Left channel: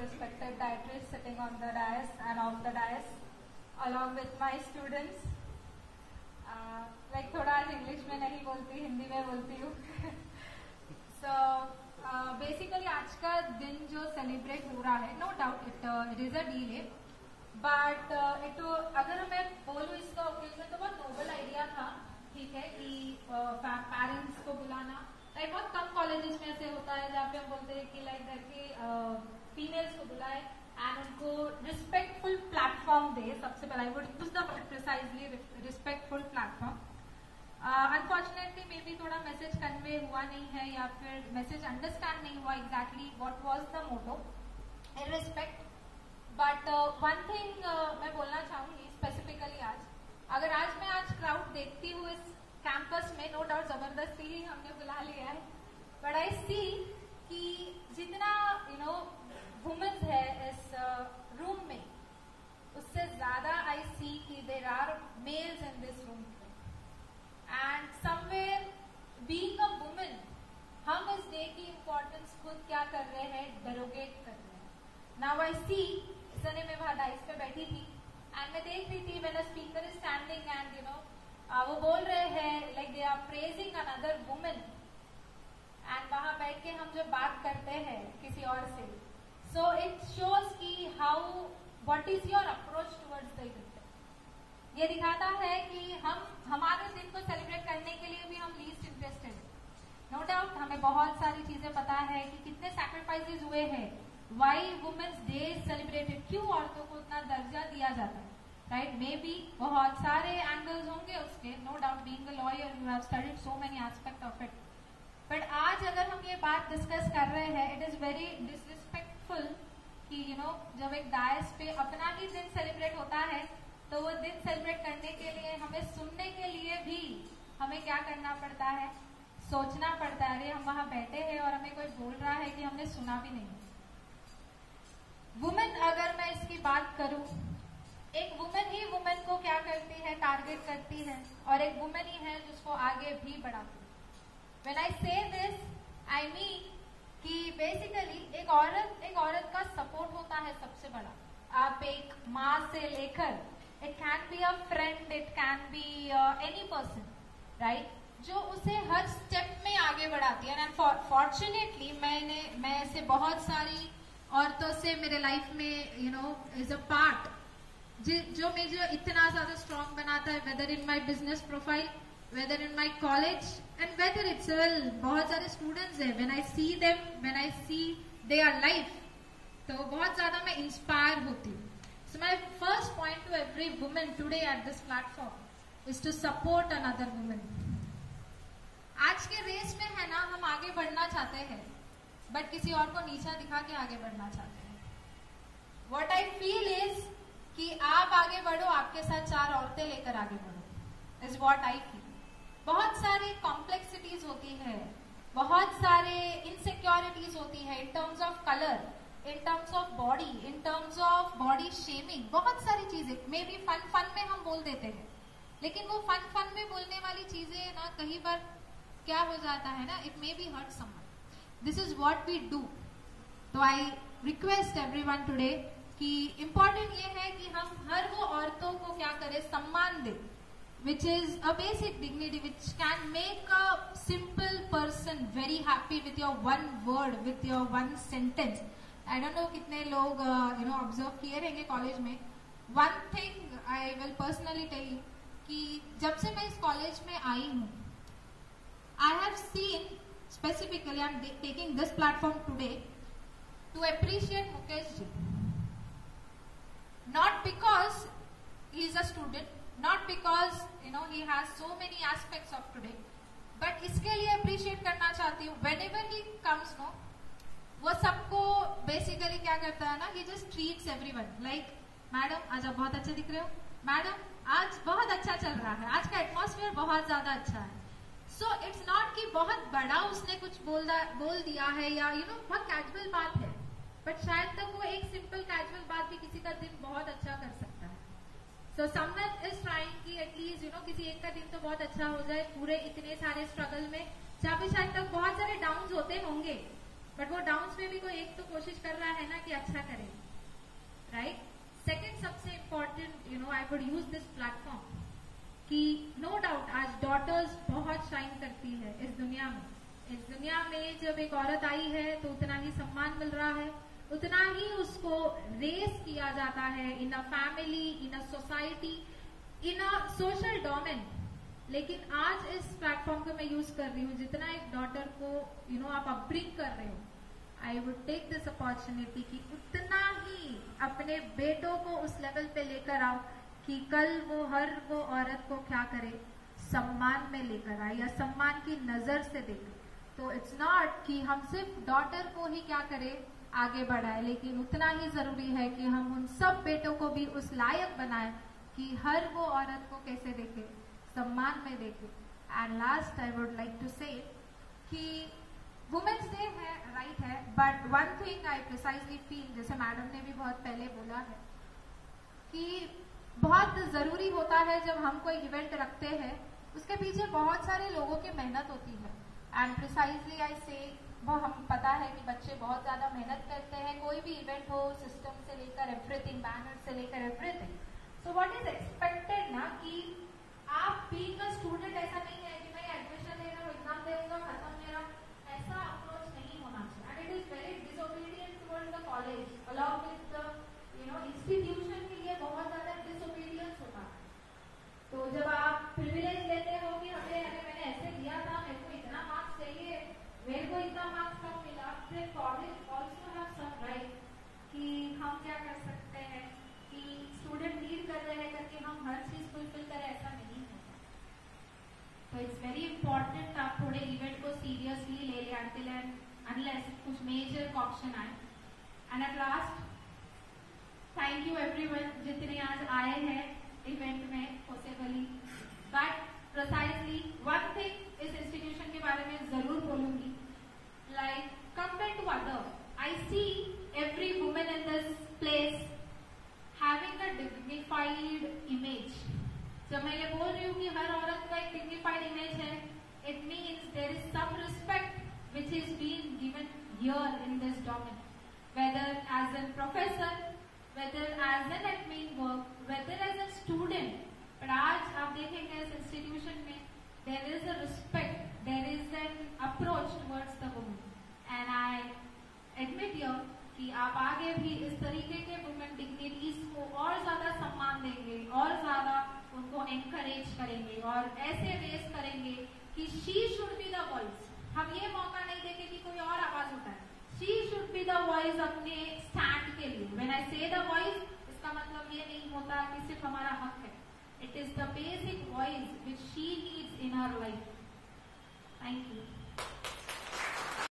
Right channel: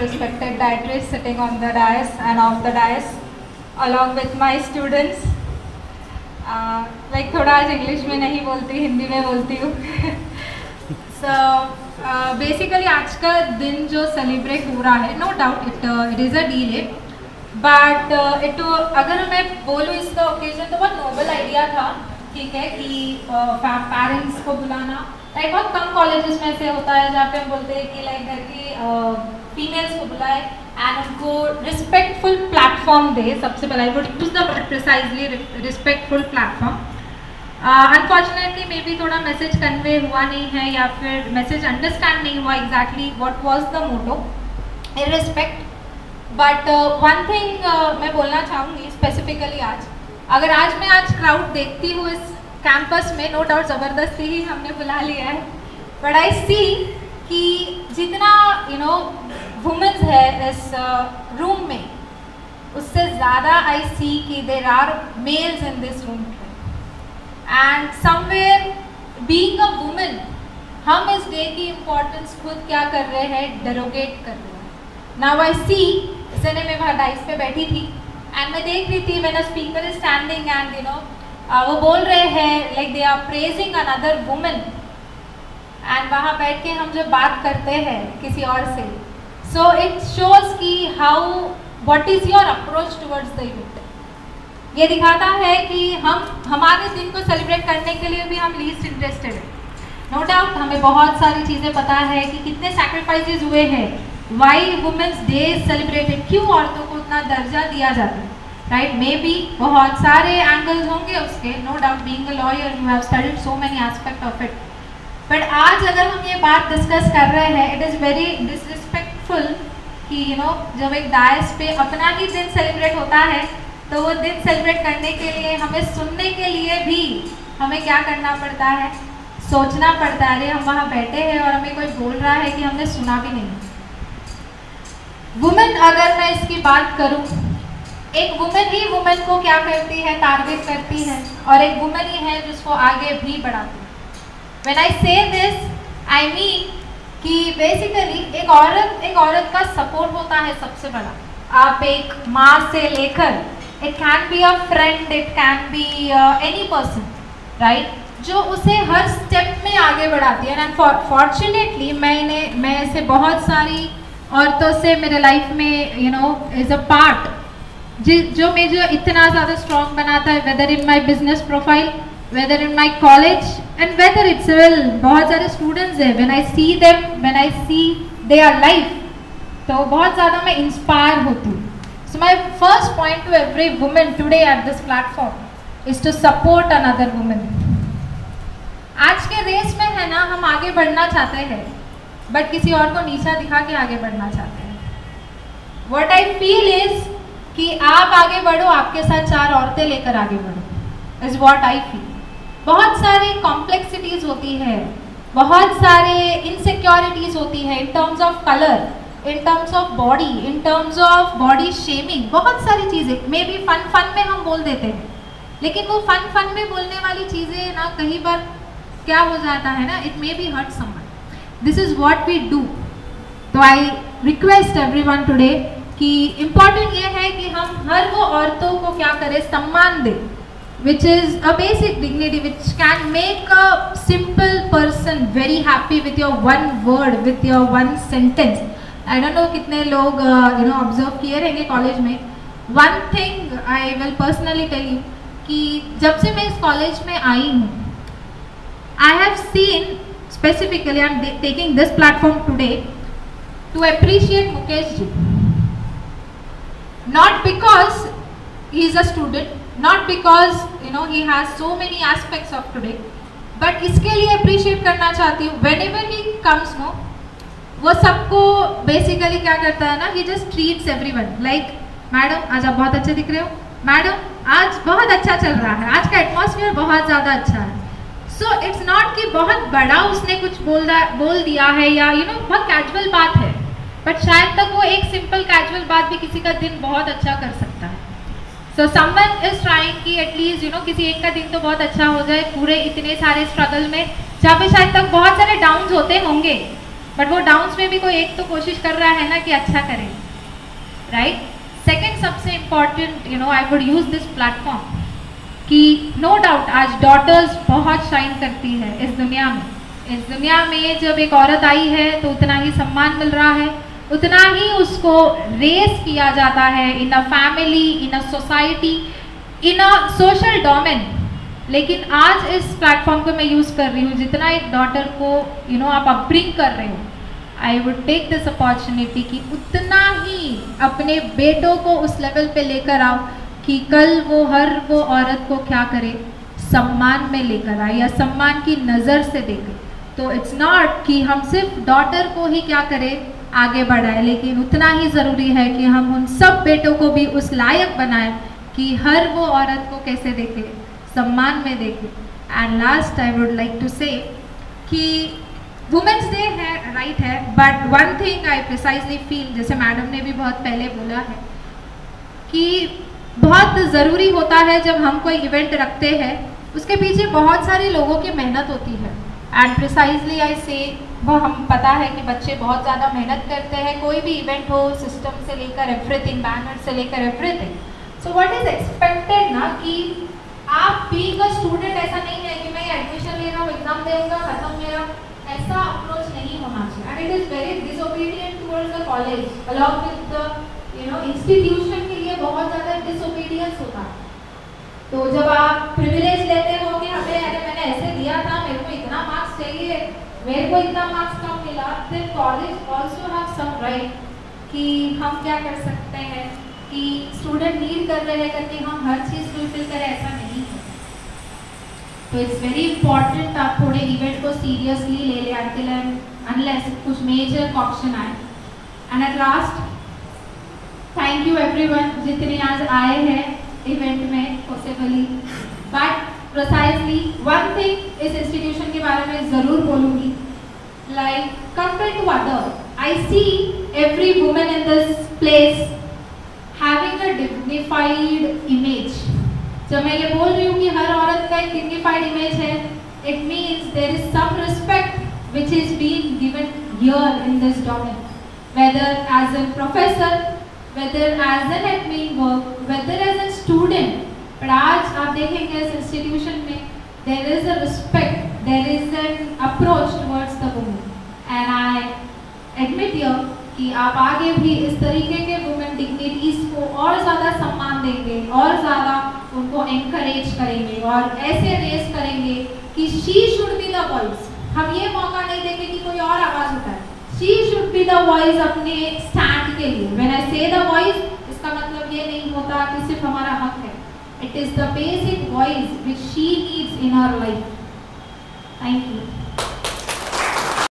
respected dietitian sitting on the dais and off the dais, along with my students. Like थोड़ा आज English में नहीं बोलती, हिंदी में बोलती हूँ. So basically आज का दिन जो सेलिब्रेट हो रहा है, no doubt it is a delay, but अगर मैं बोलूँ इसका ओकेजन तो बहुत नोबल आइडिया था, ठीक है, कि पेरेंट्स को बुलाना. लाइक बहुत कम कॉलेजेस में से होता है जहाँ पे हम बोलते हैं कि लाइक घर की फीमेल्स को बुलाए एंड उनको रिस्पेक्टफुल प्लेटफॉर्म दे. सबसे पहले I would use the word precisely respectful platform. Unfortunately maybe थोड़ा मैसेज कन्वे हुआ नहीं है या फिर मैसेज अंडरस्टैंड नहीं हुआ exactly what was the motto in respect. But one thing मैं बोलना चाहूँगी स्पेसिफिकली आज, अगर मैं आज क्राउड देखती हूँ इस कैंपस में, नो डाउट ज़बरदस्ती ही हमने बुला लिया है, बट आई सी कि जितना वुमेन्स है इस रूम में, उससे ज़्यादा आई सी कि there are males in this room. And somewhere being a women, हम इस डे की इम्पोर्टेंस खुद क्या कर रहे हैं, डेरोगेट कर रहे हैं. नाउ आई सी, इसने मैं वहाँ डाइस पे बैठी थी एंड मैं देख रही थी when a speaker is standing and वो बोल रहे हैं like they are praising another women, and वहाँ बैठ के हम जब बात करते हैं किसी और से, सो इट शोज कि how what is your approach towards the event. ये दिखाता है कि हम हमारे दिन को सेलिब्रेट करने के लिए भी हम लीस्ट इंटरेस्टेड हैं. नो डाउट हमें बहुत सारी चीज़ें पता है कि कितने सैक्रिफाइसेस हुए हैं, वाई वुमेन्स डे सेलिब्रेटेड, क्यों औरतों को उतना दर्जा दिया जाता है, राइट. मे बी बहुत सारे एंगल्स होंगे उसके, no doubt being a lawyer you have studied so many aspect of it. But आज अगर हम ये बात डिस्कस कर रहे हैं, इट इज़ वेरी डिसरिस्पेक्टफुल कि जब एक डायस पे अपना ही दिन सेलिब्रेट होता है तो वो दिन सेलिब्रेट करने के लिए हमें सुनने के लिए भी हमें क्या करना पड़ता है, सोचना पड़ता है. अरे हम वहाँ बैठे हैं और हमें कोई बोल रहा है कि हमने सुना भी नहीं. वुमेन, अगर मैं इसकी बात करूँ, एक वुमेन ही वुमेन को क्या करती है, टारगेट करती है, और एक वुमेन ही है जिसको आगे भी बढ़ाती है. व्हेन आई से दिस आई मीन कि बेसिकली एक औरत का सपोर्ट होता है सबसे बड़ा. आप एक माँ से लेकर, it can be a friend, it can be any person, right, जो उसे हर स्टेप में आगे बढ़ाती है. एंड फॉर्चुनेटली मैं ऐसे बहुत सारी औरतों से मेरे लाइफ में इज अ पार्ट जो मुझे इतना ज़्यादा स्ट्रॉन्ग बनाता है, whether in my business profile, whether in my college and whether it's well. बहुत सारे स्टूडेंट्स हैं, when I see them, when I see their life, तो बहुत ज़्यादा मैं इंस्पायर होती हूँ. So my first point to every women today at this platform is to support another women. आज के रेस में है ना, हम आगे बढ़ना चाहते हैं बट किसी और को नीचा दिखा के आगे बढ़ना चाहते हैं. व्हाट आई फील इज कि आप आगे बढ़ो, आपके साथ 4 औरतें लेकर आगे बढ़ो, इज व्हाट आई फील. बहुत सारी कॉम्प्लेक्सिटीज होती है, बहुत सारे इनसिक्योरिटीज होती है in terms of colour, in terms of body, in terms of body shaming, बहुत सारी चीज़ें. मे बी फन में हम बोल देते हैं, लेकिन वो फन में बोलने वाली चीज़ें ना कहीं बार क्या हो जाता है ना, it may be hurt someone. This is what we do. तो आई रिक्वेस्ट एवरीवन टुडे कि इम्पॉर्टेंट ये है कि हम हर वो औरतों को क्या करें, सम्मान दें, which is a basic dignity which can make a simple person very happy with your one word, with your one sentence. I don't know कितने लोग observe किए रहेंगे कॉलेज में. One thing I will personally tell you कि जब से मैं इस कॉलेज में आई हूँ, I have seen specifically, I am taking this platform today to appreciate Mukesh ji. Not because he is a student, not because he has so many aspects of today, but इसके लिए appreciate करना चाहती हूँ. whenever he comes वो सबको basically क्या करता है ना, he just treats everyone like, madam आज आप बहुत अच्छे दिख रहे हो, मैडम आज बहुत अच्छा चल रहा है, आज का एटमॉस्फेयर बहुत ज़्यादा अच्छा है. सो इट्स नॉट कि बहुत बड़ा उसने कुछ बोल दिया है या बहुत कैजुअल बात है, बट शायद तक वो एक सिंपल कैजुअल बात भी किसी का दिन बहुत अच्छा कर सकता है. सो समवन इज ट्राइंग कि एटलीस्ट किसी एक का दिन तो बहुत अच्छा हो जाए पूरे इतने सारे स्ट्रगल में, जहाँ पे शायद तक बहुत सारे डाउन्स होते होंगे, बट वो डाउन्स में भी कोई एक तो कोशिश कर रहा है ना कि अच्छा करें, राइट। सेकेंड सबसे important, you know, I would use this platform कि नो डाउट आज डॉटर्स बहुत शाइन करती है इस दुनिया में। इस दुनिया में जब एक औरत आई है तो उतना ही सम्मान मिल रहा है, उतना ही उसको रेस किया जाता है in a family, in a society, in a social domain. लेकिन आज इस प्लेटफॉर्म को मैं यूज़ कर रही हूँ, जितना एक डॉटर को यू नो आप अपब्रिंग कर रहे हो, I would take this opportunity कि उतना ही अपने बेटों को उस लेवल पे लेकर आओ कि कल वो औरत को क्या करे, सम्मान में लेकर आए या सम्मान की नज़र से देखे। तो इट्स नॉट कि हम सिर्फ डॉटर को ही क्या करें, आगे बढ़ाए, लेकिन उतना ही ज़रूरी है कि हम उन सब बेटों को भी उस लायक बनाएं कि हर वो औरत को कैसे देखे, सम्मान में देखे। And last I would like to say कि वुमेंस डे है, राइट है, but one thing I precisely feel, जैसे मैडम ने भी बहुत पहले बोला है, कि बहुत ज़रूरी होता है जब हम कोई इवेंट रखते हैं उसके पीछे बहुत सारे लोगों की मेहनत होती है। एंड प्रिसाइजली आई से वो हम पता है कि बच्चे बहुत ज़्यादा मेहनत करते हैं, कोई भी इवेंट हो, सिस्टम से लेकर एवरीथिंग, बैनर से लेकर everything. So what is expected ना कि आप बीइंग अ स्टूडेंट, ऐसा नहीं है कि मैं एडमिशन ले रहा हूँ, एग्जाम देऊंगा, खत्म मेरा, ऐसा अप्रोच नहीं होना चाहिए। And it is very disobedient towards the college along with the you know institution के लिए बहुत ज़्यादा डिसोबीडियंस होता है। तो जब आप प्रिविलेज लेते हो कि हमें अरे मैंने ऐसे दिया था, मेरे को इतना मार्क्स चाहिए, मेरे को इतना मार्क्स कम मिला, then college also have some right कि हम क्या कर सकते हैं कि स्टूडेंट नीड कर रहे हैं करके हम हर चीज़ फुलफिल करें, ऐसा नहीं है। तो इट्स वेरी इंपॉर्टेंट आप थोड़े इवेंट को सीरियसली ले लें अंटिल एंड अनलेस कुछ मेजर ऑप्शन आए। And at last thank you everyone जितने आज आए हैं इवेंट में possibly, but precisely one thing इस इंस्टीट्यूशन के बारे में ज़रूर बोलूँगी, like compare to other, I see every women in this place having a dignified image. जब मैं ये बोल रही हूँ कि हर औरत का एक डिग्निफाइड इमेज है, it means there is some respect which is being given here in this domain, whether as an professor, whether as an admin work, whether as a student। but आज आप देखेंगे इस इंस्टीट्यूशन में there is a respect, there is an approach towards the woman, and I admit here कि आप आगे भी इस तरीके के वुमेन डिग्निटीज को और ज़्यादा सम्मान देंगे और ज़्यादा उनको एनकरेज करेंगे और ऐसे रेस करेंगे कि she should be the voice। हम ये मौका नहीं देंगे कि कोई और आवाज़ उठाए, she should be the voice अपने स्टैंड के लिए। when I say the voice, इसका मतलब ये नहीं होता कि सिर्फ हमारा हक है, it is the basic voice which she needs in her life। Thank you।